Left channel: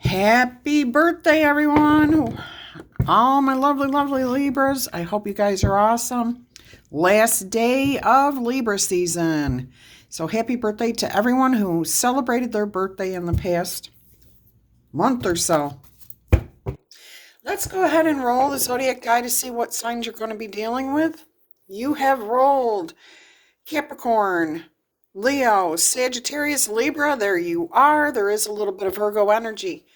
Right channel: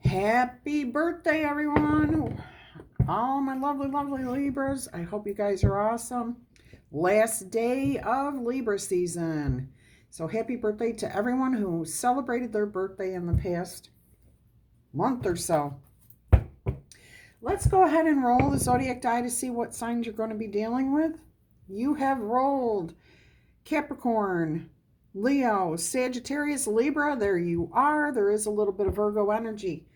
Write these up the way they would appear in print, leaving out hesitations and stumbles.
Happy birthday, everyone. All my lovely, lovely Libras. I hope you guys are awesome. Last day of Libra season. So happy birthday to everyone who celebrated their birthday in the past month or so. Let's go ahead and roll the zodiac die to see what signs you're going to be dealing with. You have rolled Capricorn, Leo, Sagittarius, Libra. There you are. There is a little bit of Virgo energy.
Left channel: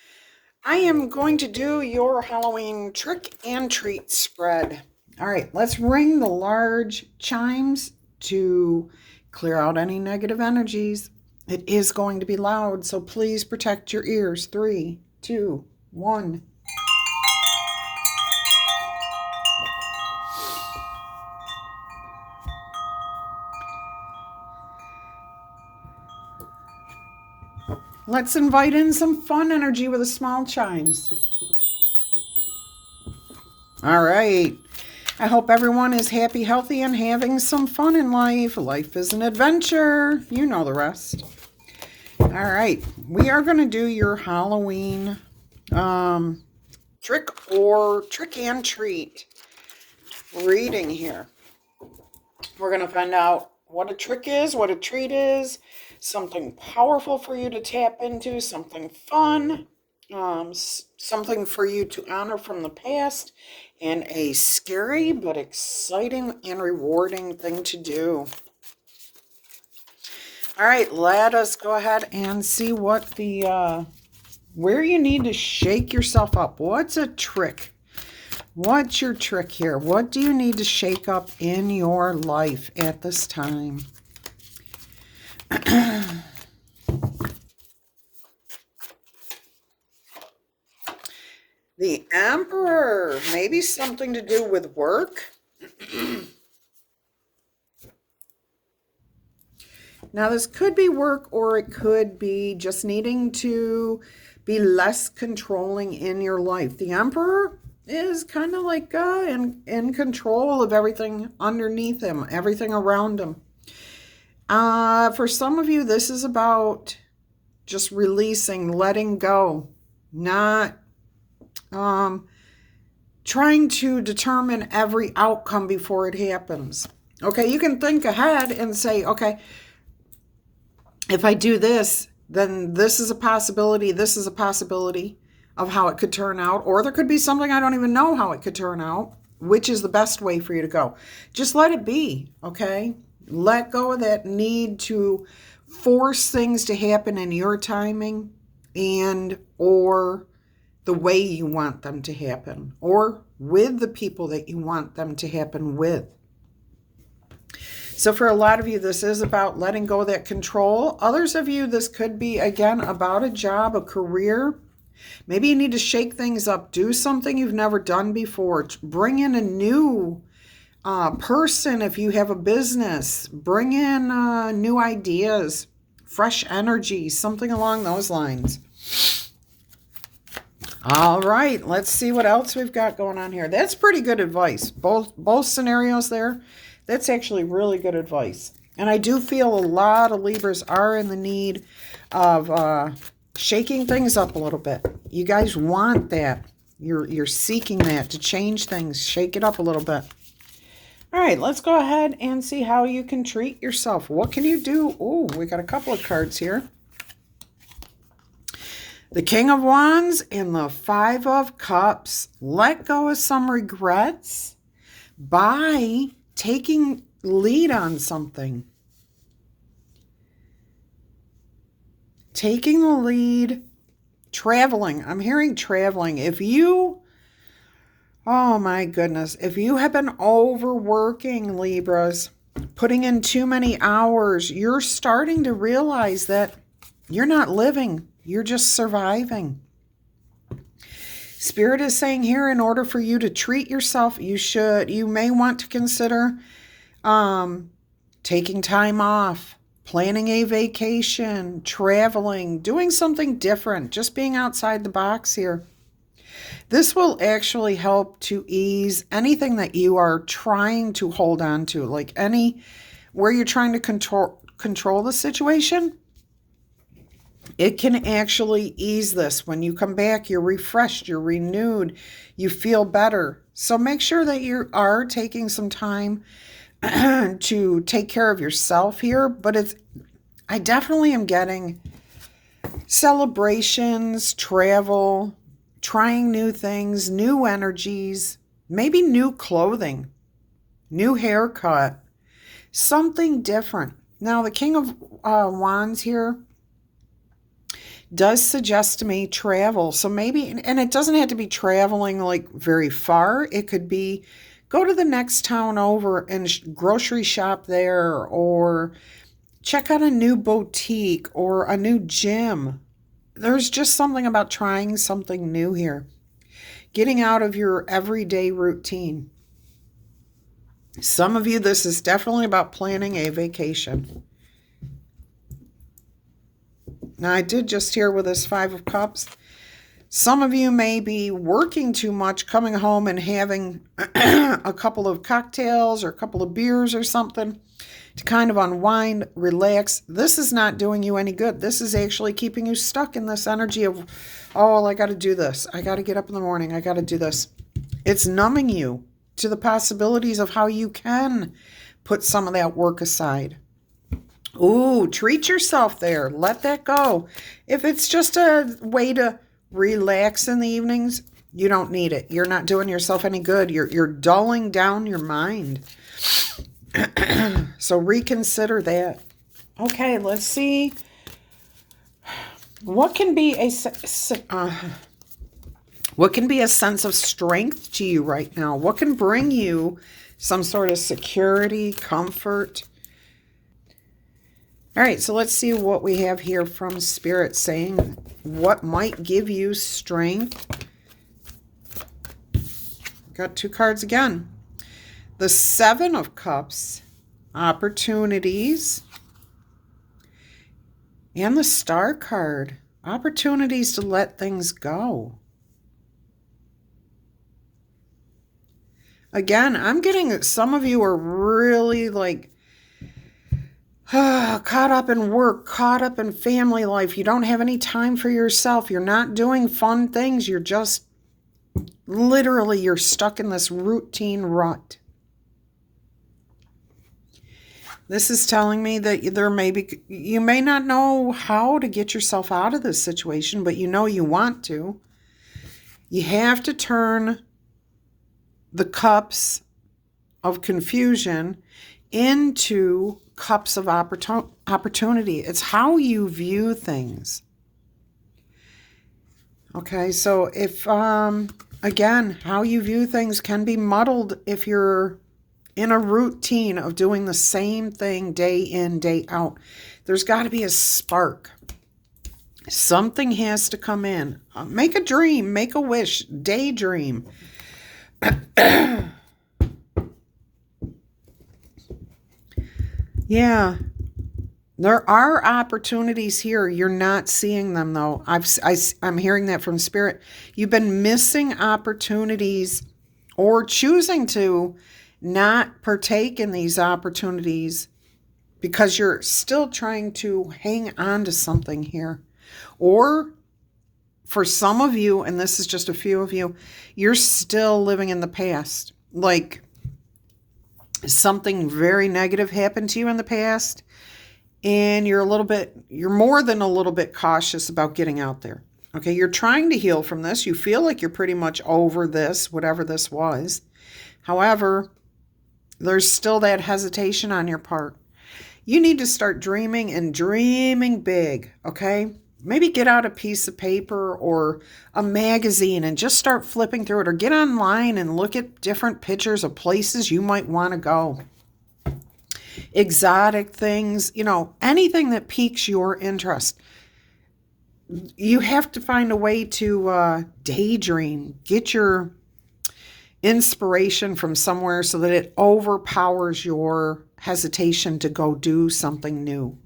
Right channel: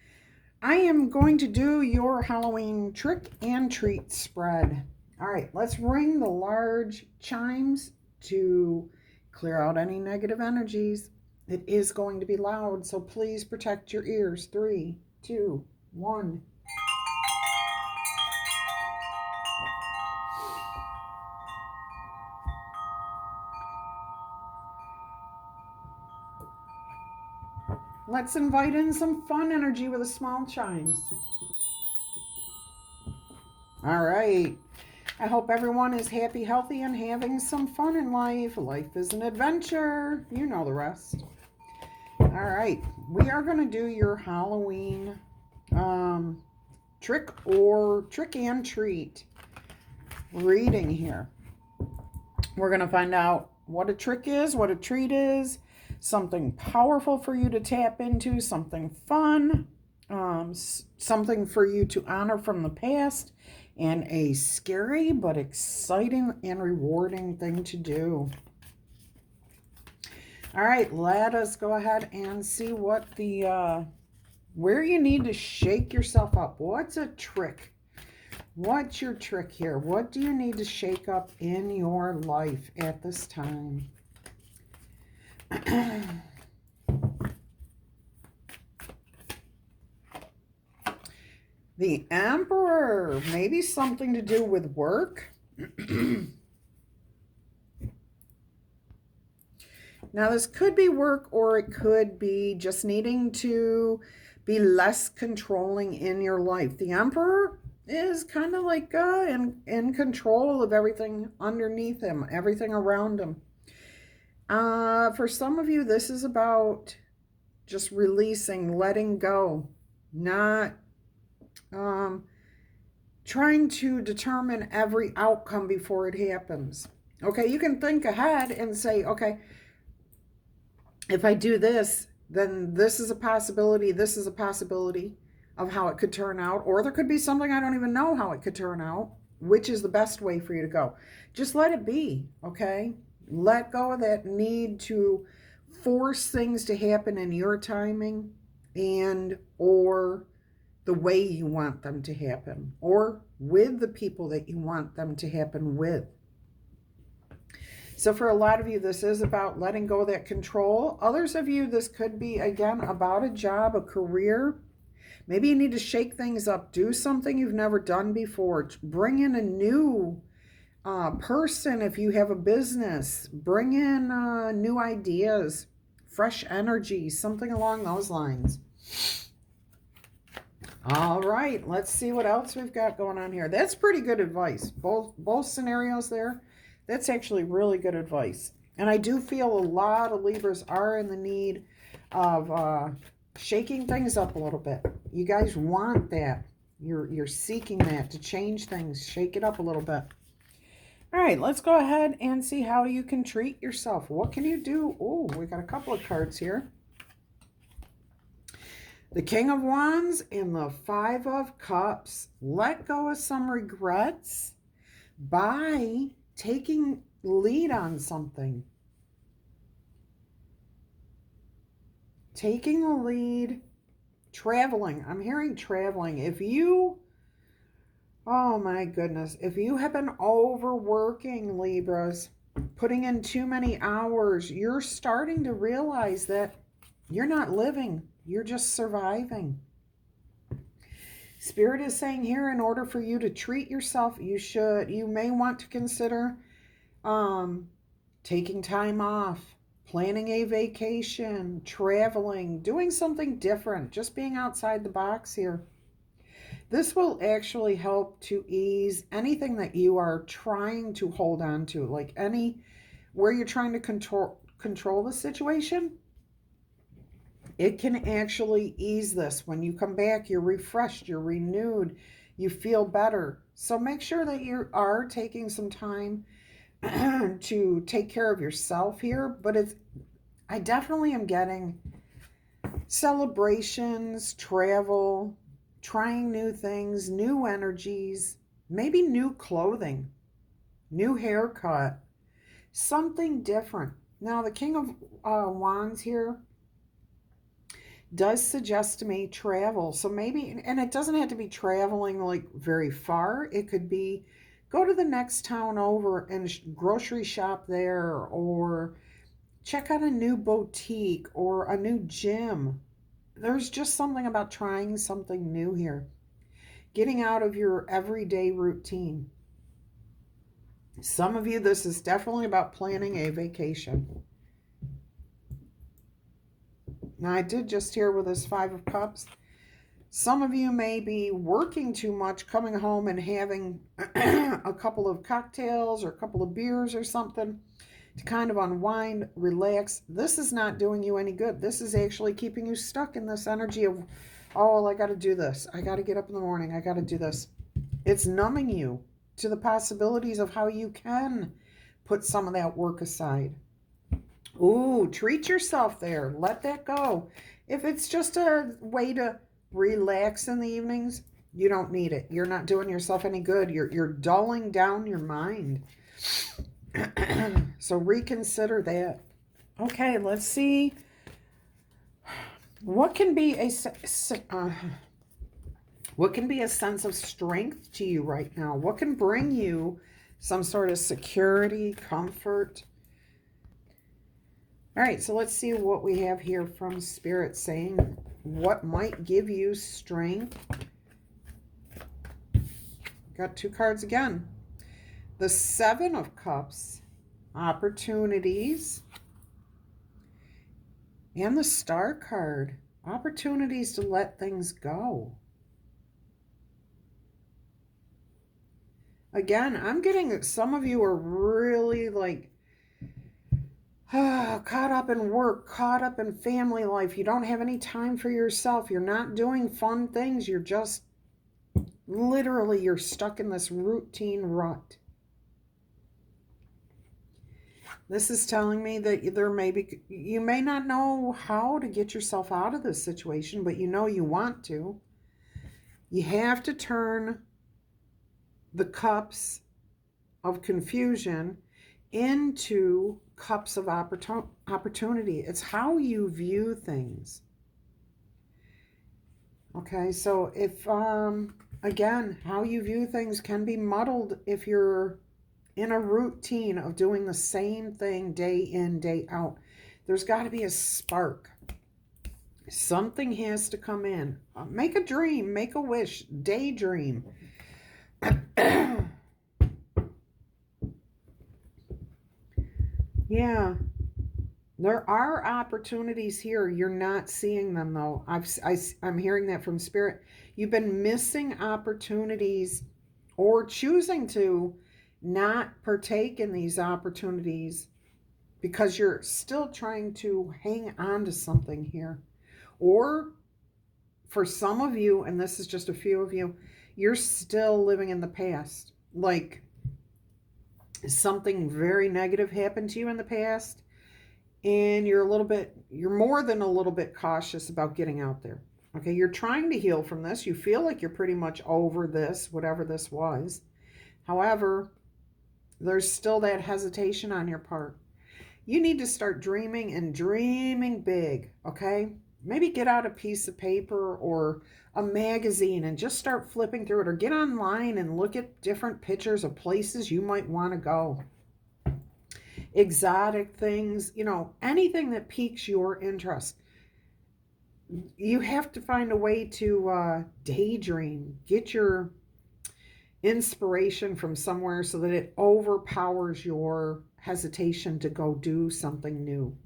I am going to do your Halloween trick and treat spread. All right, let's ring the large chimes to clear out any negative energies. It is going to be loud, so please protect your ears. 3, 2, 1. Let's invite in some fun energy with the small chimes. All right. I hope everyone is happy, healthy, and having some fun in life. Life is an adventure. You know the rest. All right. We are going to do your Halloween trick and treat reading here. We're going to find out what a trick is, what a treat is, something powerful for you to tap into, something fun, something for you to honor from the past, and a scary but exciting and rewarding thing to do. All right, let us go ahead and see what where you need to shake yourself up. What's a trick? What's your trick here? What do you need to shake up in your life at this time? The Emperor, maybe something to do with work. Now, this could be work, or it could be just needing to be less controlling in your life. The Emperor is kind of like in control of everything underneath him, everything around him. For some of you, this is about just releasing, letting go, not trying to determine every outcome before it happens. Okay, you can think ahead and say, okay, if I do this, then this is a possibility of how it could turn out, or there could be something I don't even know how it could turn out, which is the best way for you to go. Just let it be, okay? Let go of that need to force things to happen in your timing and or the way you want them to happen, or with the people that you want them to happen with. So for a lot of you, this is about letting go of that control. Others of you, this could be, again, about a job, a career. Maybe you need to shake things up, do something you've never done before, bring in a new person if you have a business, bring in new ideas, fresh energy, something along those lines. All right, let's see what else we've got going on here. That's pretty good advice. Both scenarios there, that's actually really good advice. And I do feel a lot of Libras are in the need of shaking things up a little bit. You guys want that. You're seeking that to change things, shake it up a little bit. All right, let's go ahead and see how you can treat yourself. What can you do? Oh, we got a couple of cards here. The King of Wands and the Five of Cups. Let go of some regrets by taking lead on something. Taking the lead, traveling. I'm hearing traveling. Oh my goodness, if you have been overworking, Libras, putting in too many hours, you're starting to realize that you're not living. You're just surviving. Spirit is saying here, in order for you to treat yourself, you may want to consider taking time off, planning a vacation, traveling, doing something different, just being outside the box here. This will actually help to ease anything that you are trying to hold on to, like where you're trying to control the situation. It can actually ease this. When you come back, you're refreshed, you're renewed, you feel better. So make sure that you are taking some time to take care of yourself here. But I definitely am getting celebrations, travel, trying new things, new energies, maybe new clothing, new haircut, something different. Now, the King of Wands here does suggest to me travel. So maybe, and it doesn't have to be traveling like very far. It could be go to the next town over and grocery shop there, or check out a new boutique or a new gym. There's just something about trying something new here. Getting out of your everyday routine. Some of you, this is definitely about planning a vacation. Now, I did just hear with this Five of Cups, some of you may be working too much, coming home and having a couple of cocktails or a couple of beers or something to kind of unwind, relax. This is not doing you any good. This is actually keeping you stuck in this energy of, oh, I got to do this. I got to get up in the morning. I got to do this. It's numbing you to the possibilities of how you can put some of that work aside. Ooh, treat yourself there. Let that go. If it's just a way to relax in the evenings, you don't need it. You're not doing yourself any good. You're dulling down your mind. So reconsider that. Okay, let's see. What can be a sense of strength to you right now? What can bring you some sort of security, comfort? All right, so let's see what we have here from Spirit saying what might give you strength. Got two cards again. The Seven of Cups, opportunities, and the Star card, opportunities to let things go. Again, I'm getting that some of you are really like caught up in work, caught up in family life. You don't have any time for yourself. You're not doing fun things. You're just literally, you're stuck in this routine rut. This is telling me that you may not know how to get yourself out of this situation, but you know you want to. You have to turn the cups of confusion into cups of opportunity. It's how you view things. Okay, so if, again, how you view things can be muddled if you're in a routine of doing the same thing day in, day out. There's got to be a spark. Something has to come in. Make a dream, make a wish, daydream. Yeah, there are opportunities here. You're not seeing them, though. I'm hearing that from Spirit. You've been missing opportunities or choosing to not partake in these opportunities because you're still trying to hang on to something here. Or for some of you, and this is just a few of you, you're still living in the past. Like something very negative happened to you in the past, and you're more than a little bit cautious about getting out there. Okay, you're trying to heal from this. You feel like you're pretty much over this, whatever this was. However, there's still that hesitation on your part. You need to start dreaming and dreaming big, okay? Maybe get out a piece of paper or a magazine and just start flipping through it, or get online and look at different pictures of places you might want to go. Exotic things, anything that piques your interest. You have to find a way to daydream, get your inspiration from somewhere so that it overpowers your hesitation to go do something new.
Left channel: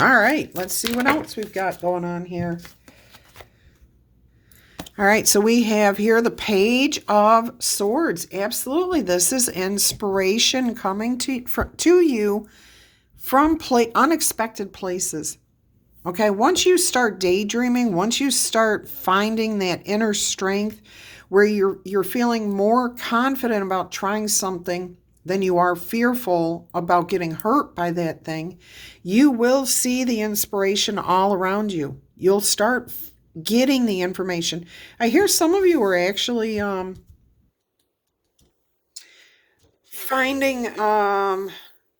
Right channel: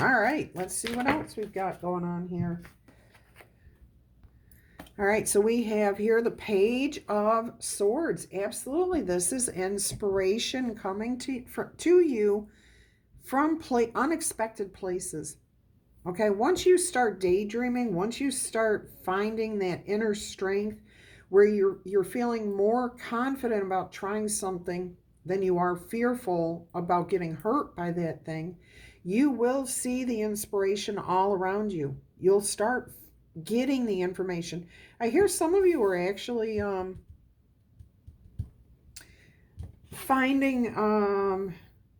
All right, let's see what else we've got going on here. All right, so we have here the Page of Swords. Absolutely, this is inspiration coming to you from unexpected places. Okay, once you start daydreaming, once you start finding that inner strength where you're feeling more confident about trying something than you are fearful about getting hurt by that thing, you will see the inspiration all around you. You'll start getting the information. I hear some of you are actually finding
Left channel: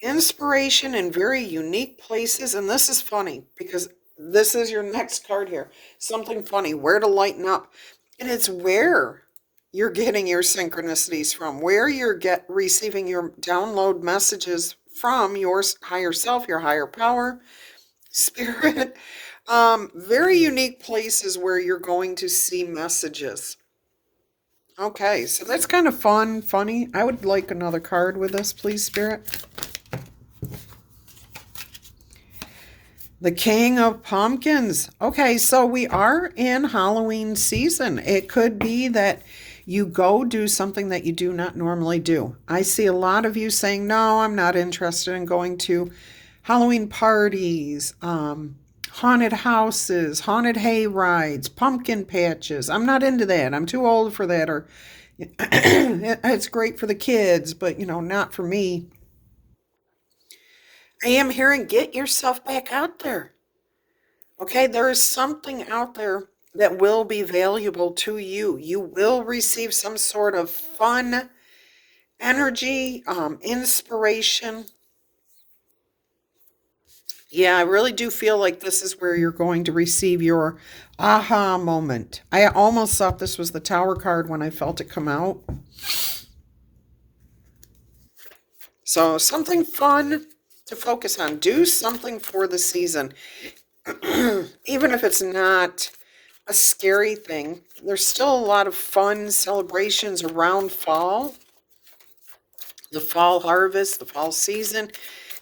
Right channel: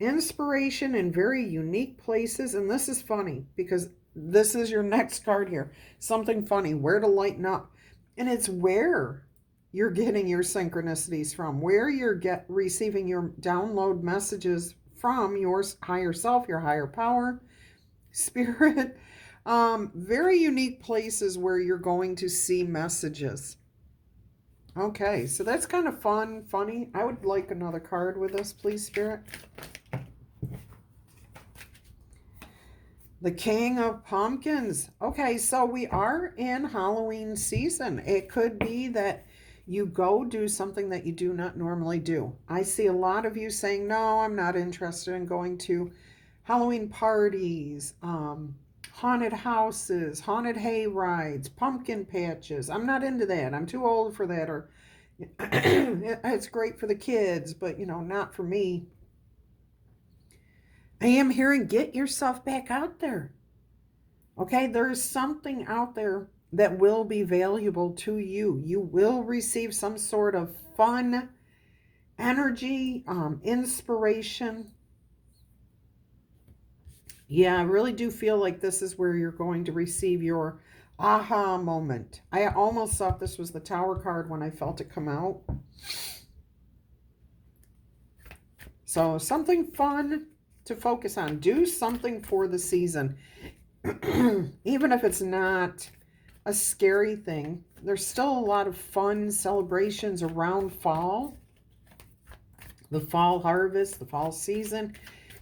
inspiration in very unique places. And this is funny because this is your next card here. Something funny, where to lighten up. And it's where you're getting your synchronicities from, where you're receiving your download messages from your higher self, your higher power, spirit. Very unique places where you're going to see messages. Okay, so that's kind of funny. I would like another card with this, please, Spirit. The King of Pumpkins. Okay, so we are in Halloween season. It could be that you go do something that you do not normally do. I see a lot of you saying, no, I'm not interested in going to Halloween parties, haunted houses, haunted hay rides, pumpkin patches. I'm not into that. I'm too old for that. Or it's great for the kids, but, not for me. I am hearing, get yourself back out there. Okay, there is something out there that will be valuable to you. You will receive some sort of fun, energy, inspiration. Yeah, I really do feel like this is where you're going to receive your aha moment. I almost thought this was the Tower card when I felt it come out. So something fun to focus on. Do something for the season. Even if it's not a scary thing, there's still a lot of fun celebrations around fall. The fall harvest, the fall season.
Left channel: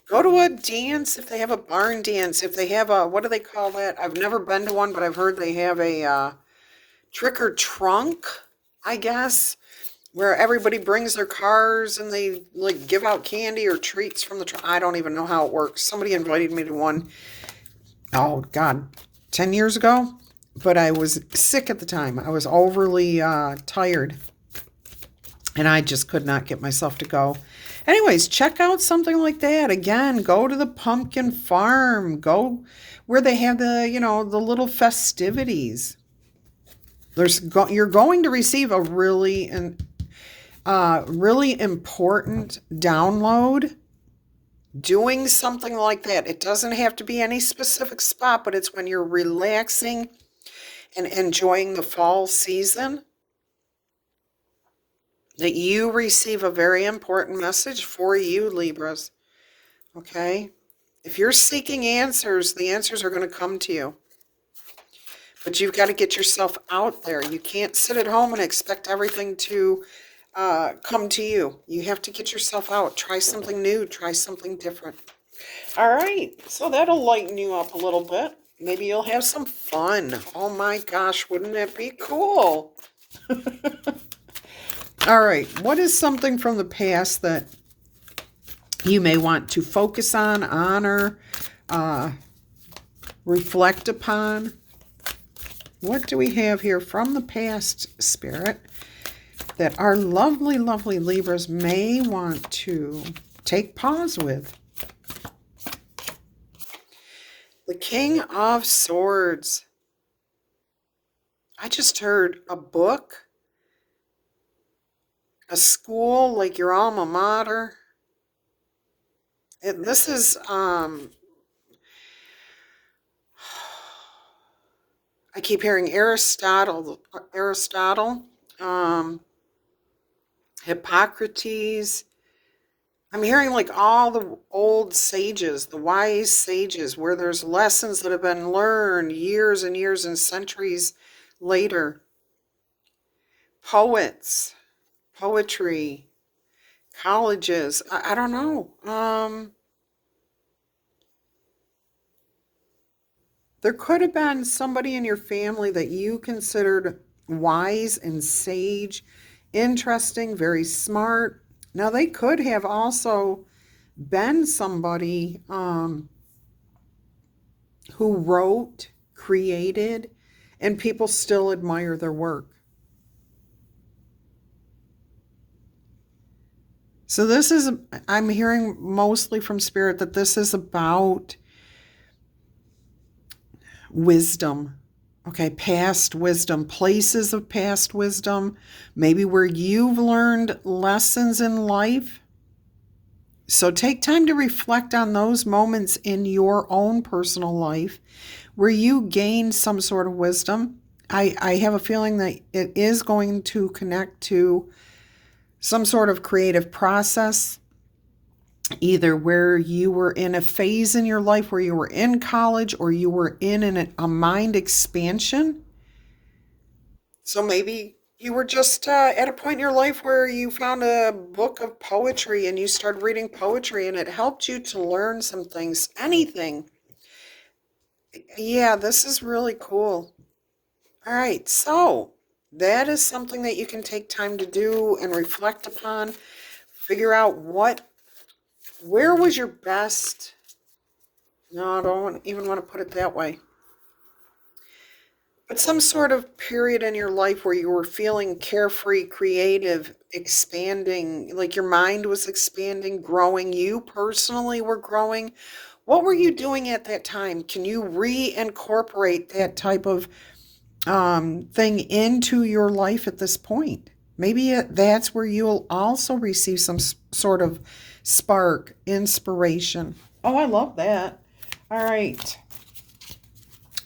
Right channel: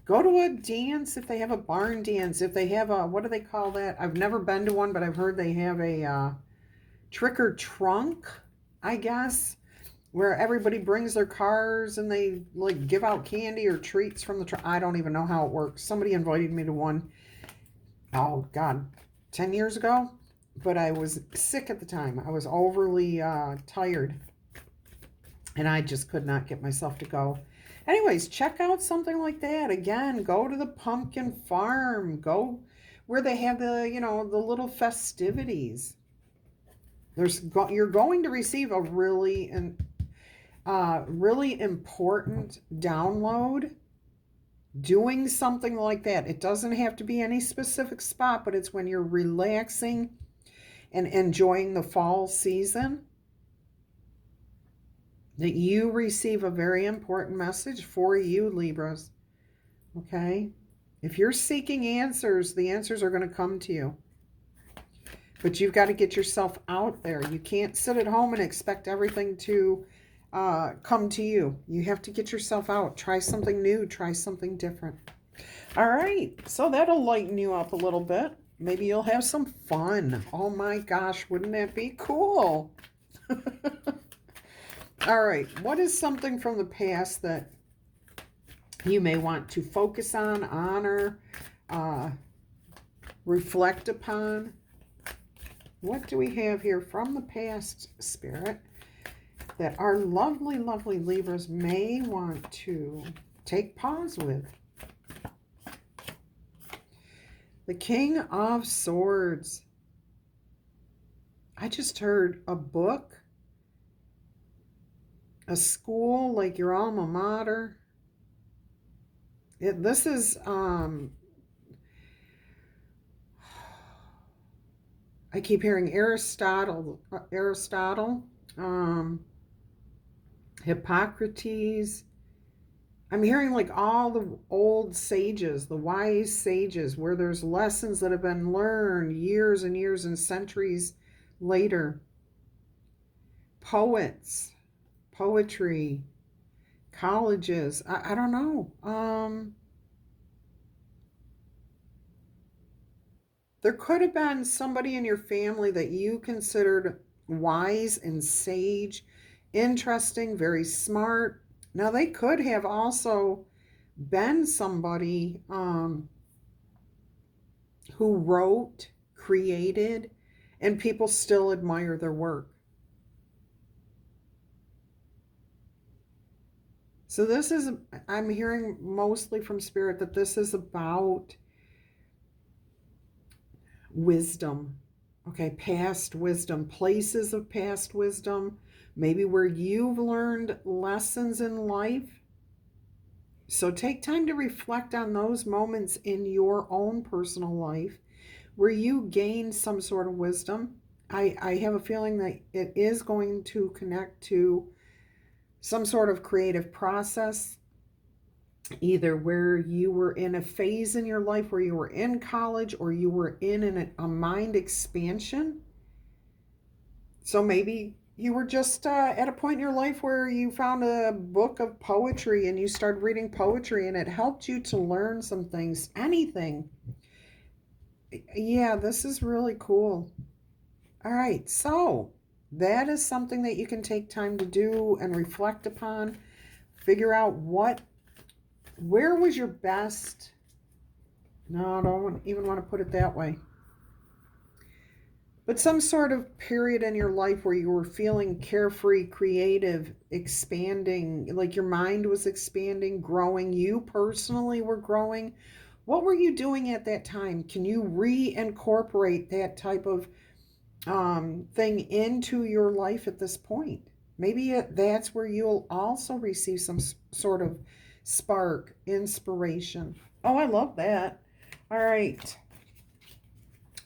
Go to a dance if they have a barn dance. If they have a, what do they call that? I've never been to one, but I've heard they have a trick or trunk, I guess, where everybody brings their cars and they like give out candy or treats from the trunk. I don't even know how it works. Somebody invited me to one, oh God, 10 years ago, but I was sick at the time. I was overly tired and I just could not get myself to go. Anyways, check out something like that. Again, go to the pumpkin farm. Go where they have the, the little festivities. You're going to receive a really important download doing something like that. It doesn't have to be any specific spot, but it's when you're relaxing and enjoying the fall season that you receive a very important message for you, Libras. Okay? If you're seeking answers, the answers are going to come to you. But you've got to get yourself out there. You can't sit at home and expect everything to come to you. You have to get yourself out. Try something new. Try something different. All right. So that'll lighten you up a little bit. Maybe you'll have some fun. Oh my gosh, wouldn't that be cool? All right. What is something from the past that you may want to focus on, honor, reflect upon? What do we have here from the past, Spirit, that our lovely, lovely Libras may want to take pause with? The King of Swords. I just heard a book, a school like your alma mater. This is, I keep hearing Aristotle, Hippocrates. I'm hearing like all the old sages, the wise sages, where there's lessons that have been learned years and years and centuries later. Poets, poetry, colleges. I don't know. There could have been somebody in your family that you considered wise and sage, interesting, very smart. Now, they could have also been somebody who wrote, created, and people still admire their work. So this is, I'm hearing mostly from Spirit that this is about wisdom. Okay, past wisdom, places of past wisdom, maybe where you've learned lessons in life. So take time to reflect on those moments in your own personal life where you gained some sort of wisdom. I have a feeling that it is going to connect to some sort of creative process, either where you were in a phase in your life where you were in college or you were in a mind expansion. So maybe you were just at a point in your life where you found a book of poetry and you started reading poetry and it helped you to learn some things. Anything. Yeah, this is really cool. All right, so that is something that you can take time to do and reflect upon. Figure out where was your best. No, I don't even want to put it that way. But some sort of period in your life where you were feeling carefree, creative, expanding, like your mind was expanding, growing, you personally were growing. What were you doing at that time? Can you reincorporate that type of thing into your life at this point? Maybe that's where you'll also receive some sort of spark, inspiration. Oh, I love that. All right.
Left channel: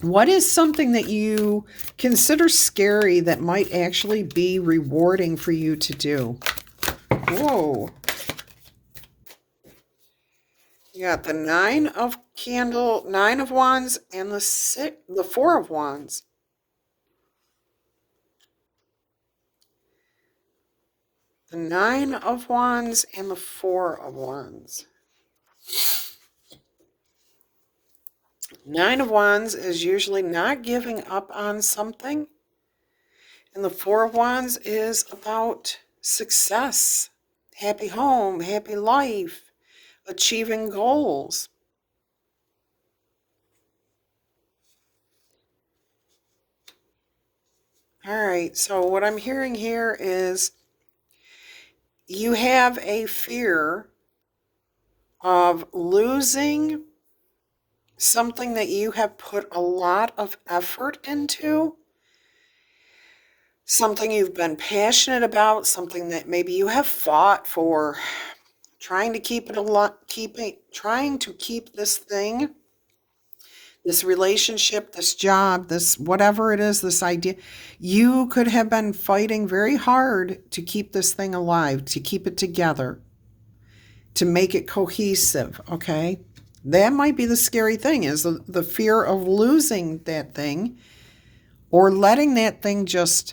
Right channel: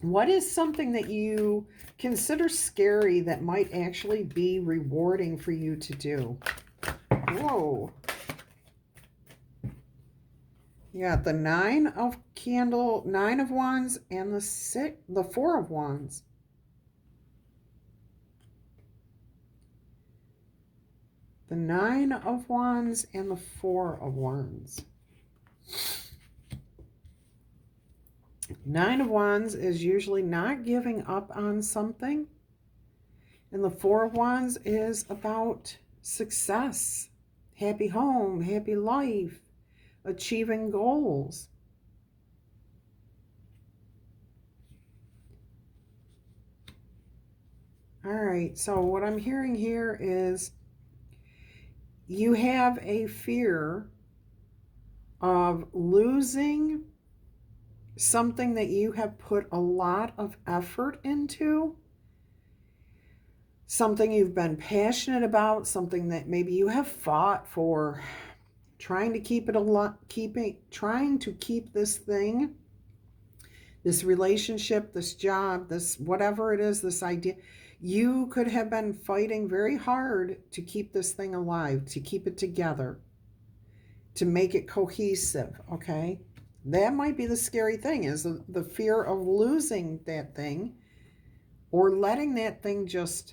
What is something that you consider scary that might actually be rewarding for you to do? Whoa. You got the Nine of Wands, and the Four of Wands. The Nine of Wands and the Four of Wands. Nine of Wands is usually not giving up on something. And the Four of Wands is about success, happy home, happy life, achieving goals. All right, so what I'm hearing here is you have a fear of losing something that you have put a lot of effort into, something you've been passionate about, something that maybe you have fought for, trying to keep it trying to keep this thing, this relationship, this job, this whatever it is, this idea. You could have been fighting very hard to keep this thing alive, to keep it together, to make it cohesive, okay? That might be the scary thing, is the fear of losing that thing or letting that thing just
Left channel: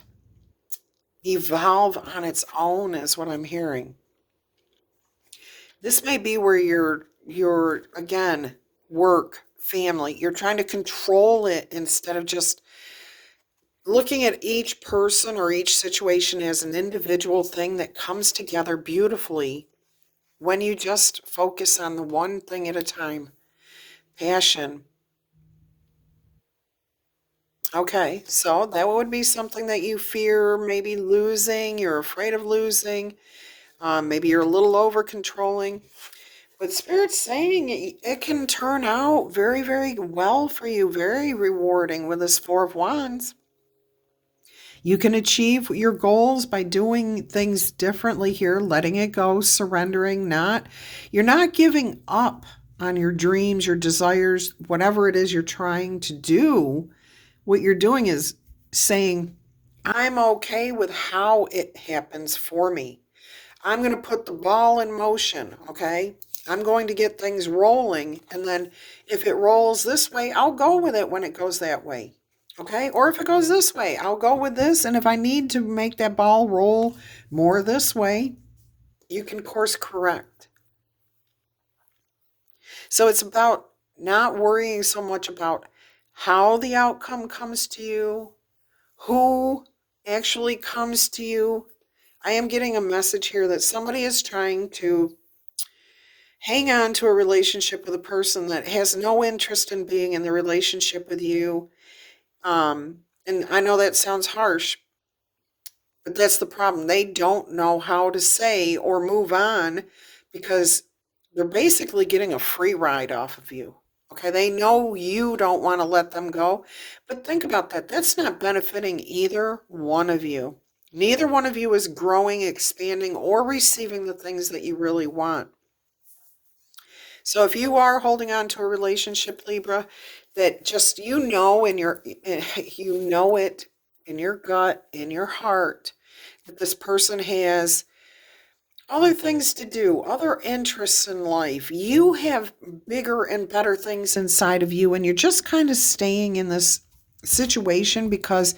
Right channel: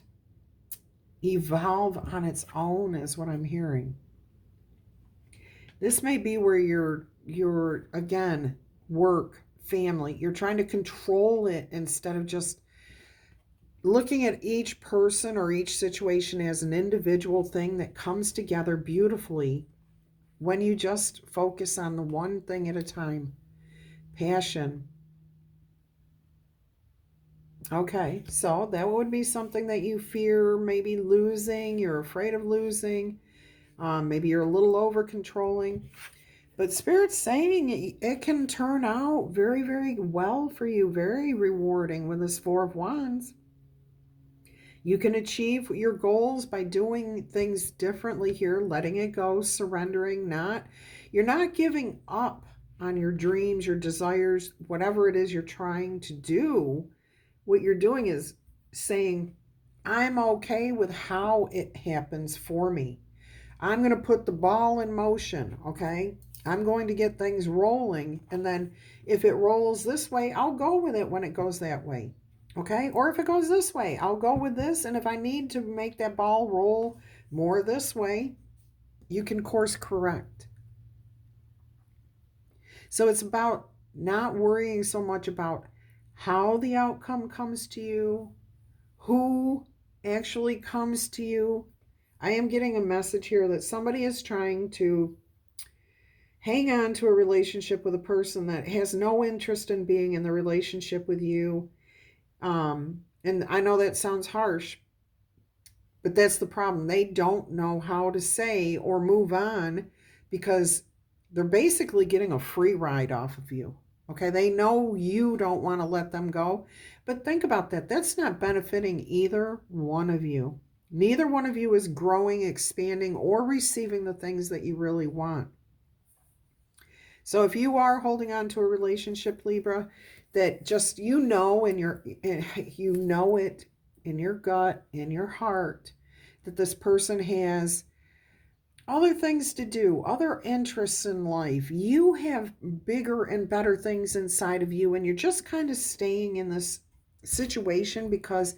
evolve on its own, is what I'm hearing. This may be where you're again, work, family, you're trying to control it instead of just looking at each person or each situation as an individual thing that comes together beautifully when you just focus on the one thing at a time. Passion. Okay, so that would be something that you fear maybe losing, you're afraid of losing, maybe you're a little over controlling. But Spirit's saying it can turn out very, very well for you, very rewarding with this Four of Wands. You can achieve your goals by doing things differently here, letting it go, surrendering, you're not giving up on your dreams, your desires, whatever it is you're trying to do. What you're doing is saying, I'm okay with how it happens for me. I'm going to put the ball in motion, okay? I'm going to get things rolling, and then if it rolls this way, I'll go with it when it goes that way, okay? Or if it goes this way, I'll go with this, and if I need to make that ball roll more this way, you can course correct. So it's about not worrying so much about how the outcome comes to you, who actually comes to you. I am getting a message here that somebody is trying to hang on to a relationship with a person that has no interest in being in the relationship with you. And I know that sounds harsh, but that's the problem. They don't know how to say or move on because they're basically getting a free ride off of you. Okay, they know you don't want to let them go, but think about that. That's not benefiting either one of you. Neither one of you is growing, expanding, or receiving the things that you really want. So if you are holding on to a relationship, Libra, that just you know in your you know it in your gut, in your heart, that this person has other things to do, other interests in life. You have bigger and better things inside of you, and you're just kind of staying in this situation because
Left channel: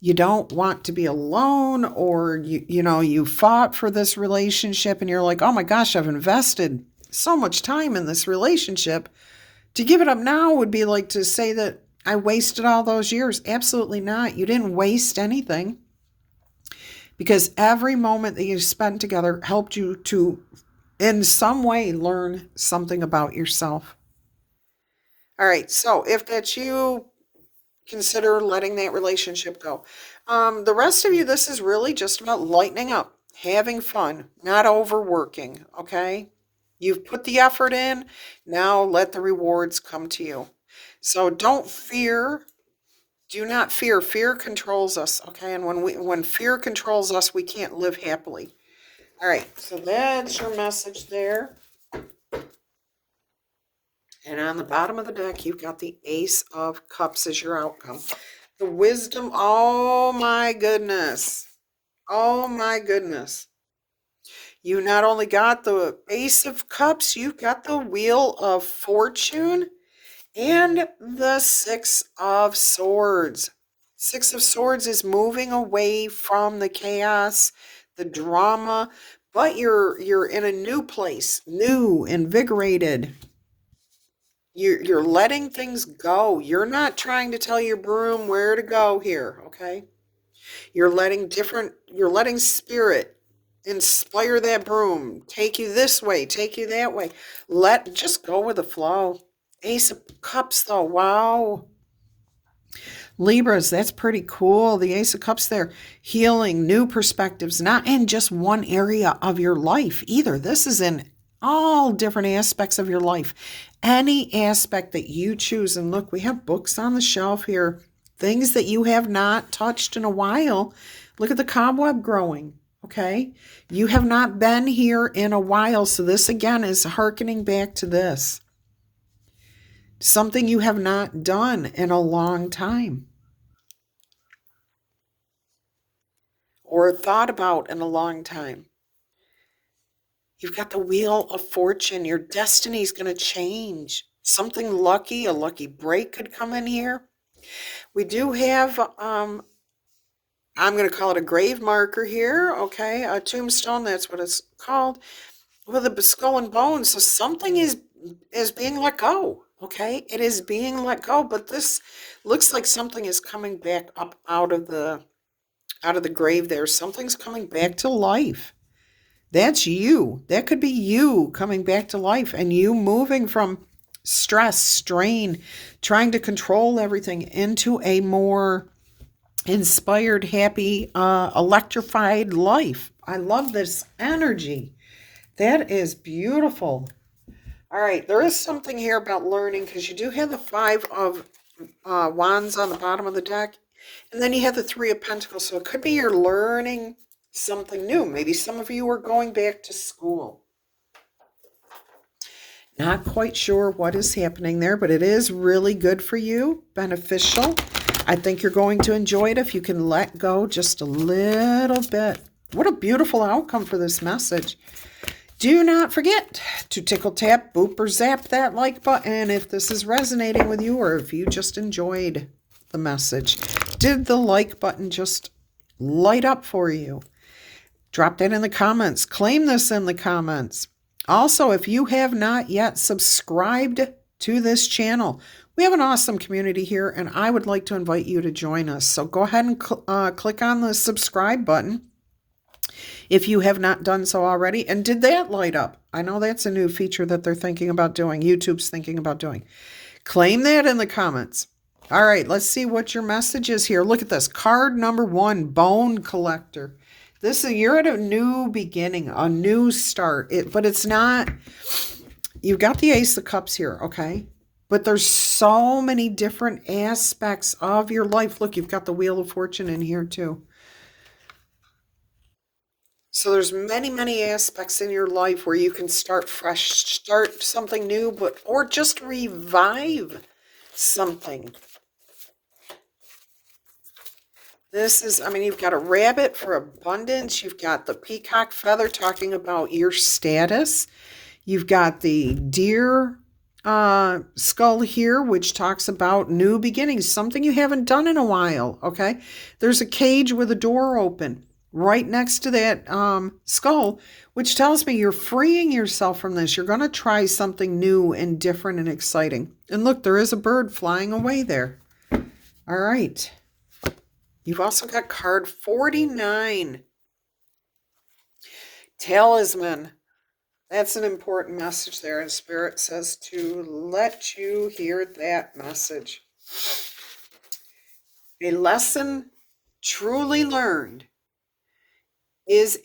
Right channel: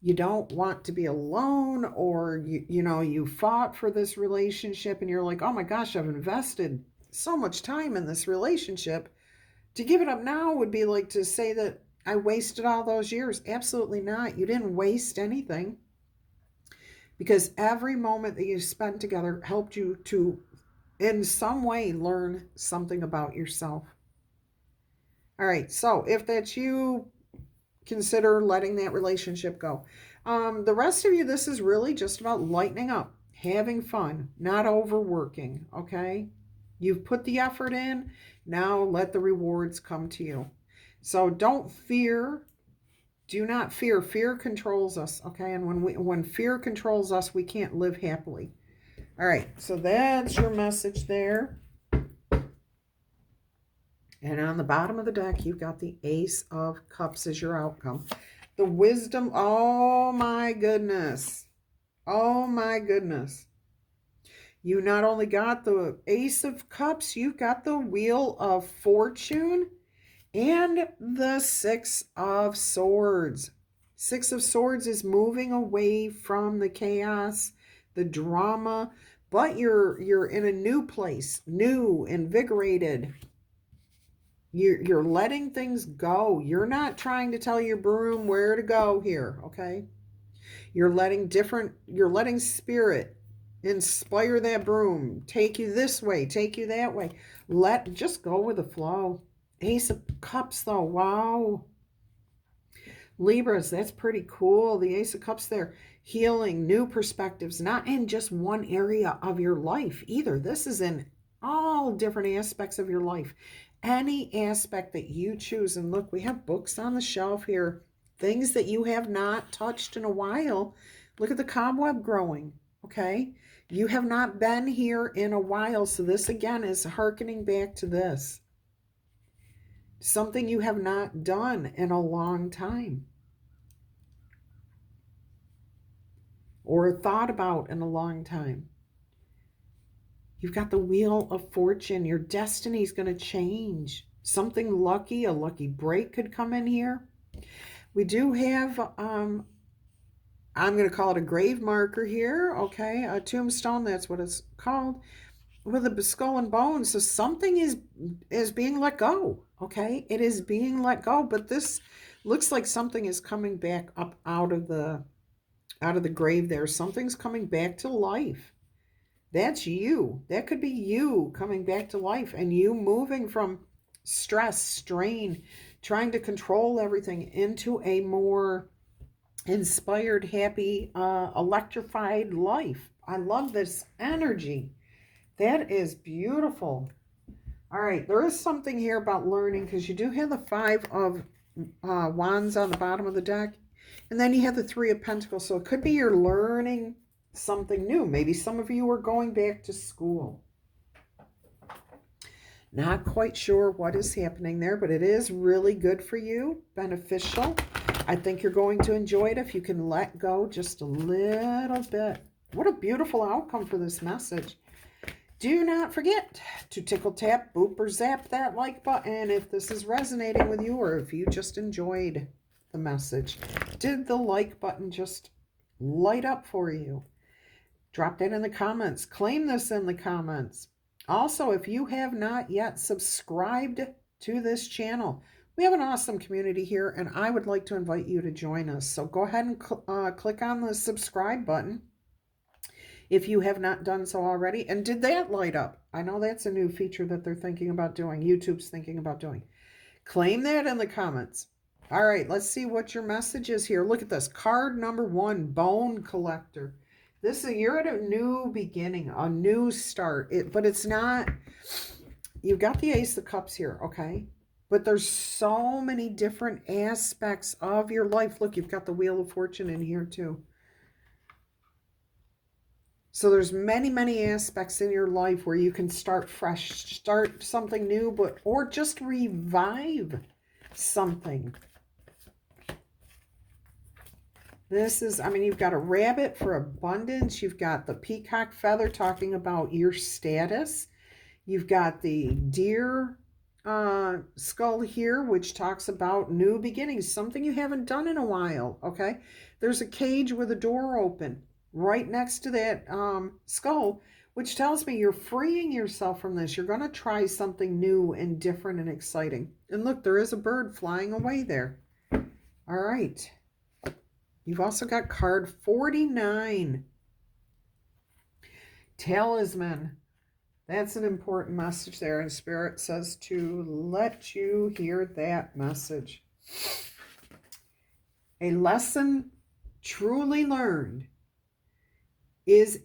you don't want to be alone, or you fought for this relationship and you're like, oh my gosh, I've invested so much time in this relationship. To give it up now would be like to say that I wasted all those years. Absolutely not. You didn't waste anything, because every moment that you spent together helped you to, in some way, learn something about yourself. All right, so if that's you, consider letting that relationship go. The rest of you, this is really just about lightening up, having fun, not overworking, okay? You've put the effort in, now let the rewards come to you. So don't fear. Do not fear. Fear controls us, okay? And when fear controls us, we can't live happily. All right, so that's your message there. And on the bottom of the deck, you've got the Ace of Cups as your outcome. The Wisdom, oh my goodness. Oh my goodness. You not only got the Ace of Cups, you've got the Wheel of Fortune and the Six of Swords. Six of Swords is moving away from the chaos, the drama, but you're in a new place, new, invigorated. You're letting things go. You're not trying to tell your broom where to go here, okay? You're letting spirit inspire that broom, take you this way, take you that way. Just go with the flow. Ace of Cups though, wow. Libras, that's pretty cool. The Ace of Cups there, healing, new perspectives, not in just one area of your life either. This is in all different aspects of your life. Any aspect that you choose. And look, we have books on the shelf here, things that you have not touched in a while. Look at the cobweb growing, okay? You have not been here in a while, so this again is hearkening back to this. Something you have not done in a long time, or thought about in a long time. You've got the Wheel of Fortune. Your destiny is going to change. Something lucky, a lucky break could come in here. We do have, I'm going to call it a grave marker here, okay? A tombstone, that's what it's called, with a skull and bones. So something is being let go, okay? It is being let go, but this looks like something is coming back up out of the grave there. Something's coming back to life. That's you. That could be you coming back to life, and you moving from stress, strain, trying to control everything into a more inspired, happy, electrified life. I love this energy. That is beautiful. All right, there is something here about learning, because you do have the Five of Wands on the bottom of the deck, and then you have the Three of Pentacles. So it could be you're learning something new. Maybe some of you are going back to school. Not quite sure what is happening there, but it is really good for you, beneficial. I think you're going to enjoy it if you can let go just a little bit. What a beautiful outcome for this message. Do not forget to tickle, tap, boop, or zap that like button if this is resonating with you, or if you just enjoyed the message. Did the like button just light up for you? Drop that in the comments. Claim this in the comments. Also, if you have not yet subscribed to this channel, we have an awesome community here, and I would like to invite you to join us. So go ahead and click on the subscribe button if you have not done so already. And did that light up? I know that's a new feature that they're thinking about doing. YouTube's thinking about doing. Claim that in the comments. All right, let's see what your message is here. Look at this. Card number 1, Bone Collector. You're at a new beginning, a new start. But it's not, you've got the Ace of Cups here, okay? But there's so many different aspects of your life. Look, you've got the Wheel of Fortune in here too. So there's many, many aspects in your life where you can start fresh, start something new, or just revive something. You've got a rabbit for abundance. You've got the peacock feather talking about your status. You've got the deer skull here, which talks about new beginnings, something you haven't done in a while, okay? There's a cage with a door open right next to that skull, which tells me you're freeing yourself from this. You're going to try something new and different and exciting. And look, there is a bird flying away there. All right. You've also got card 49. Talisman. That's an important message there. And Spirit says to let you hear that message. A lesson truly learned is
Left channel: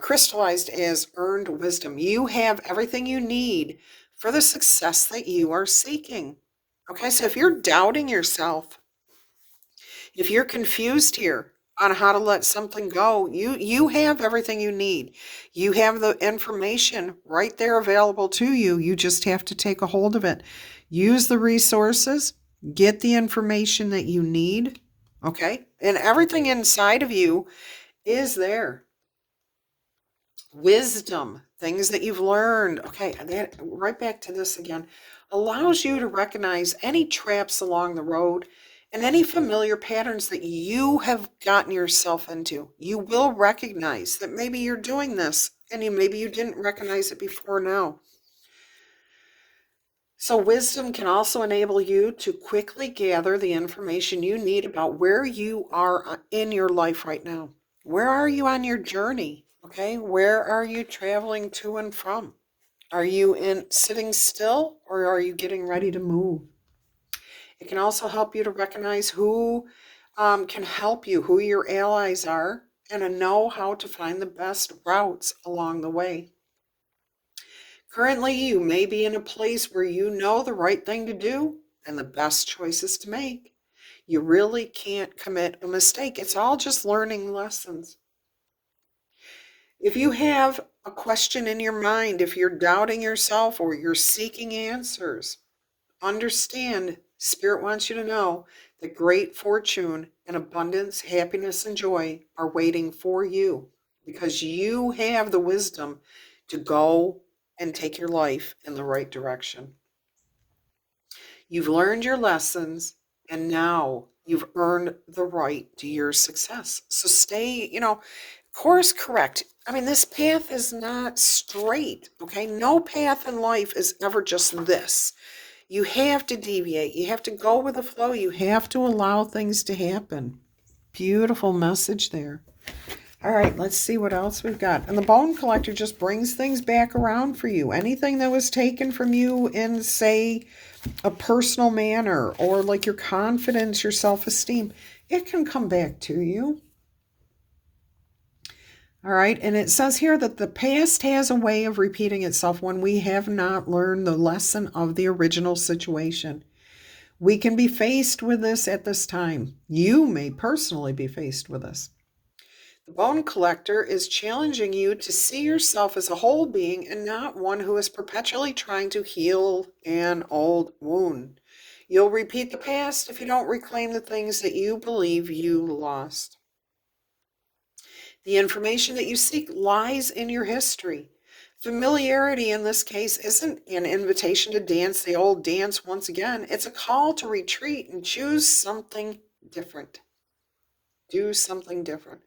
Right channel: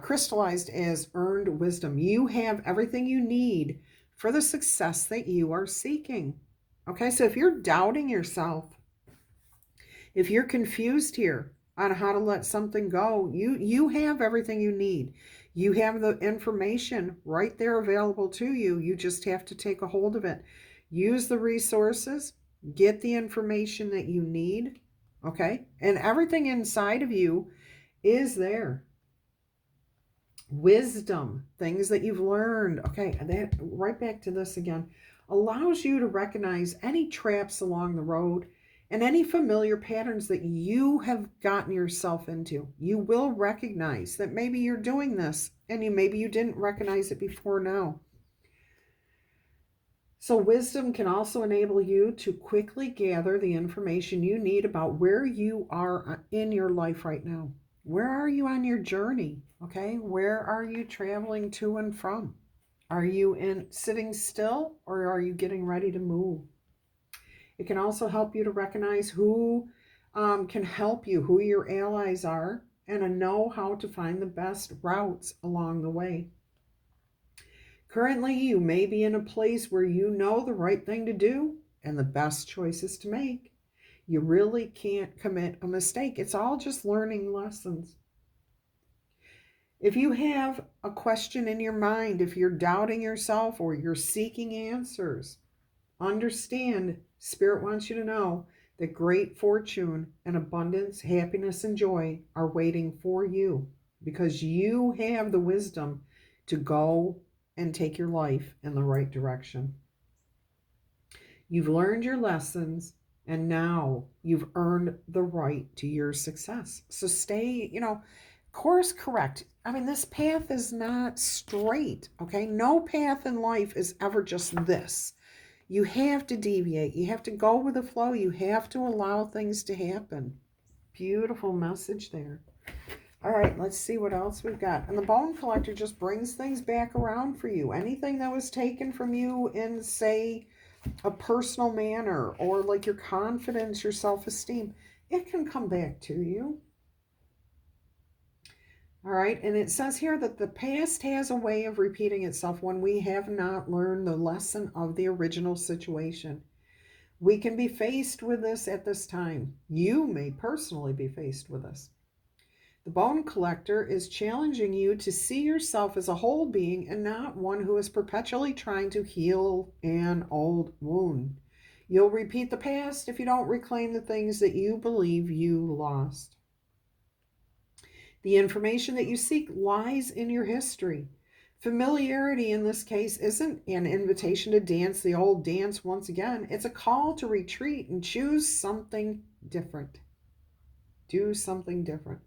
crystallized as earned wisdom. You have everything you need for the success that you are seeking. Okay, so if you're doubting yourself, if you're confused here on how to let something go, you have everything you need. You have the information right there available to you. You just have to take a hold of it. Use the resources, get the information that you need, okay? And everything inside of you is there. Wisdom, things that you've learned. Okay, right back to this again. Allows you to recognize any traps along the road and any familiar patterns that you have gotten yourself into. You will recognize that maybe you're doing this and maybe you didn't recognize it before now. So wisdom can also enable you to quickly gather the information you need about where you are in your life right now. Where are you on your journey? Okay, where are you traveling to and from? Are you sitting still, or are you getting ready to move? It can also help you to recognize who can help you, who your allies are, and to know how to find the best routes along the way. Currently, you may be in a place where you know the right thing to do and the best choices to make. You really can't commit a mistake. It's all just learning lessons. If you have a question in your mind, if you're doubting yourself or you're seeking answers, understand, Spirit wants you to know that great fortune and abundance, happiness, and joy are waiting for you because you have the wisdom to go and take your life in the right direction. You've learned your lessons, and now you've earned the right to your success. So stay, course correct. This path is not straight, okay? No path in life is ever just this. You have to deviate. You have to go with the flow. You have to allow things to happen. Beautiful message there. All right, let's see what else we've got. And the Bone Collector just brings things back around for you. Anything that was taken from you in, say, a personal manner, or like your confidence, your self-esteem, it can come back to you. All right, and it says here that the past has a way of repeating itself when we have not learned the lesson of the original situation. We can be faced with this at this time. You may personally be faced with this. The Bone Collector is challenging you to see yourself as a whole being and not one who is perpetually trying to heal an old wound. You'll repeat the past if you don't reclaim the things that you believe you lost. The information that you seek lies in your history. Familiarity in this case isn't an invitation to dance the old dance once again. It's a call to retreat and choose something different. Do something different.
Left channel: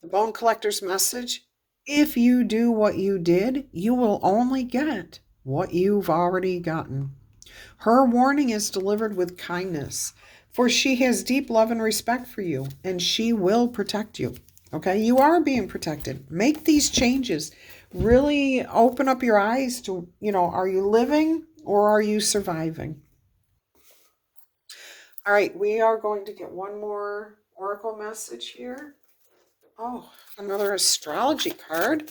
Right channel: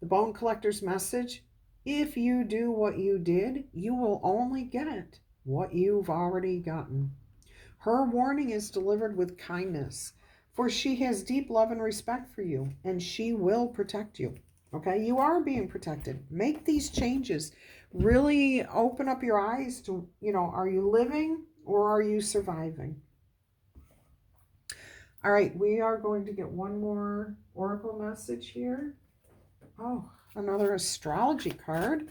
The Bone Collector's message: if you do what you did, you will only get what you've already gotten. Her warning is delivered with kindness, for she has deep love and respect for you, and she will protect you. Okay, you are being protected. Make these changes. really open up your eyes to, are you living or are you surviving? All right, we are going to get one more oracle message here. Oh, another astrology card.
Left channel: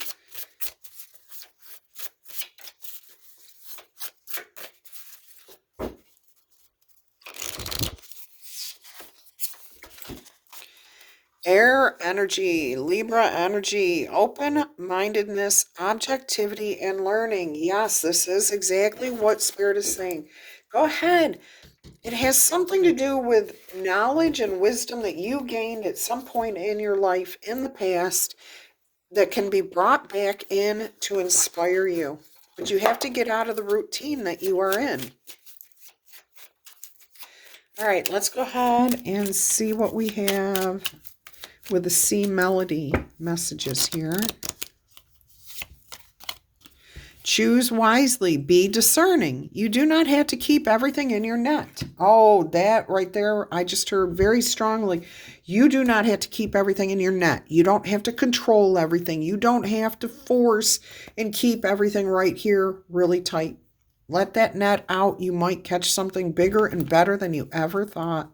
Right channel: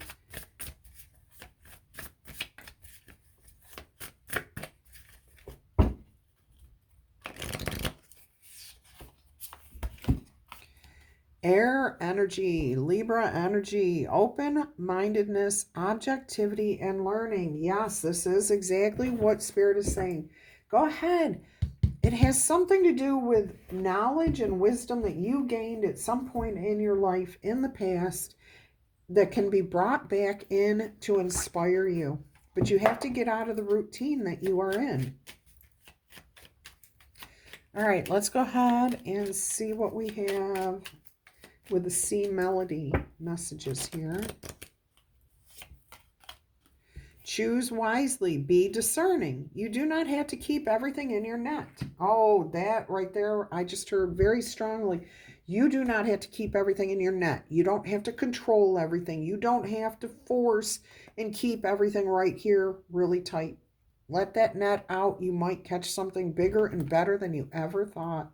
Air energy, Libra energy, open-mindedness, objectivity, and learning. Yes, this is exactly what Spirit is saying. Go ahead. It has something to do with knowledge and wisdom that you gained at some point in your life in the past that can be brought back in to inspire you. But you have to get out of the routine that you are in. All right, let's go ahead and see what we have with the C melody messages here. Choose wisely. Be discerning. You do not have to keep everything in your net. Oh, that right there, I just heard very strongly. You do not have to keep everything in your net. You don't have to control everything. You don't have to force and keep everything right here really tight. Let that net out. You might catch something bigger and better than you ever thought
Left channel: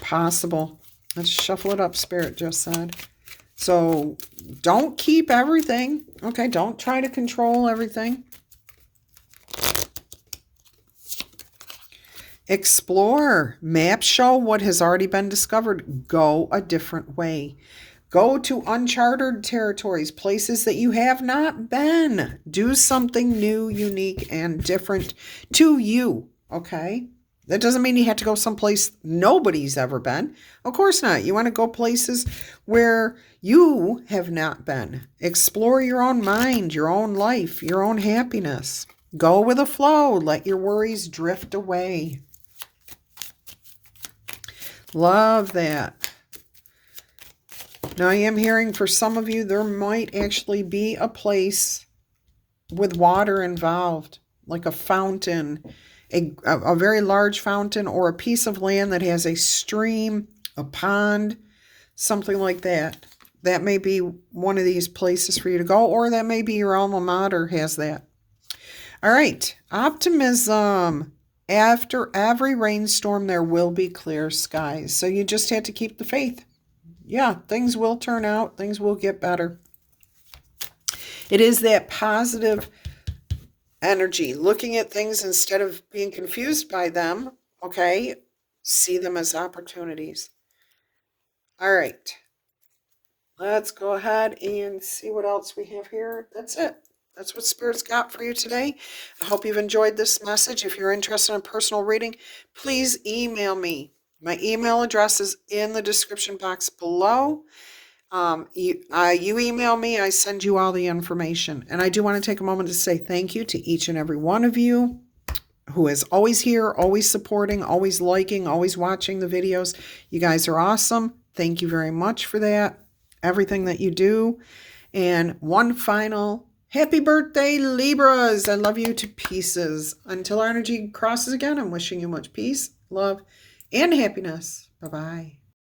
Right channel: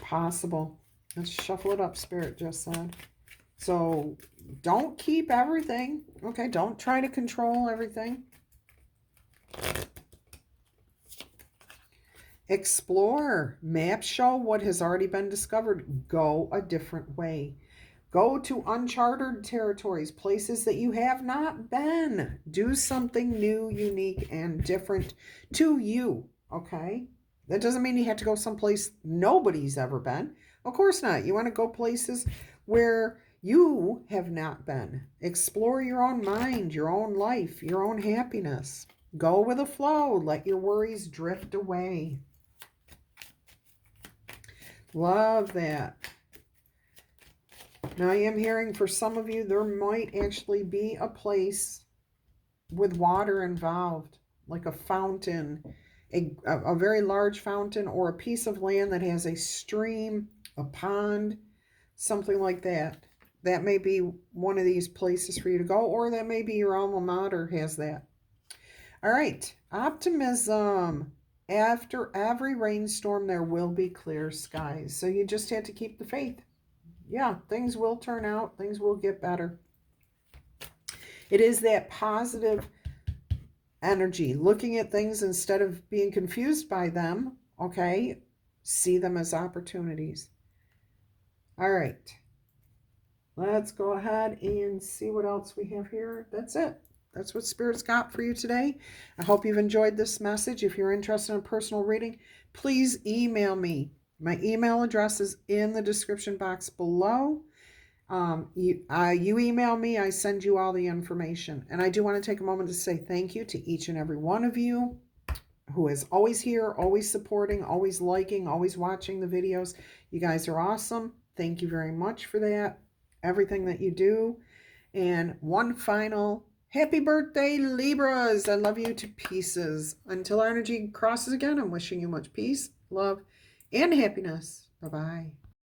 possible. Let's shuffle it up, Spirit just said. So don't keep everything. Okay, don't try to control everything. Explore. Maps show what has already been discovered. Go a different way. Go to uncharted territories, places that you have not been. Do something new, unique, and different to you, okay? That doesn't mean you have to go someplace nobody's ever been. Of course not. You want to go places where you have not been. Explore your own mind, your own life, your own happiness. Go with the flow. Let your worries drift away. Love that. Now I am hearing for some of you, there might actually be a place with water involved, like a fountain, a very large fountain, or a piece of land that has a stream, a pond, something like that. That may be one of these places for you to go, or that may be your alma mater has that. All right, optimism. After every rainstorm, there will be clear skies. So you just have to keep the faith. Yeah, things will turn out. Things will get better. It is that positive energy, looking at things instead of being confused by them, okay? See them as opportunities. All right. Let's go ahead and see what else we have here. That's it. That's what Spirit's got for you today. I hope you've enjoyed this message. If you're interested in a personal reading, please email me. My email address is in the description box below. You email me, I send you all the information. And I do want to take a moment to say thank you to each and every one of you who is always here, always supporting, always liking, always watching the videos. You guys are awesome. Thank you very much for that. Everything that you do. And one final happy birthday, Libras. I love you to pieces. Until our energy crosses again, I'm wishing you much peace, love, and happiness. Bye-bye.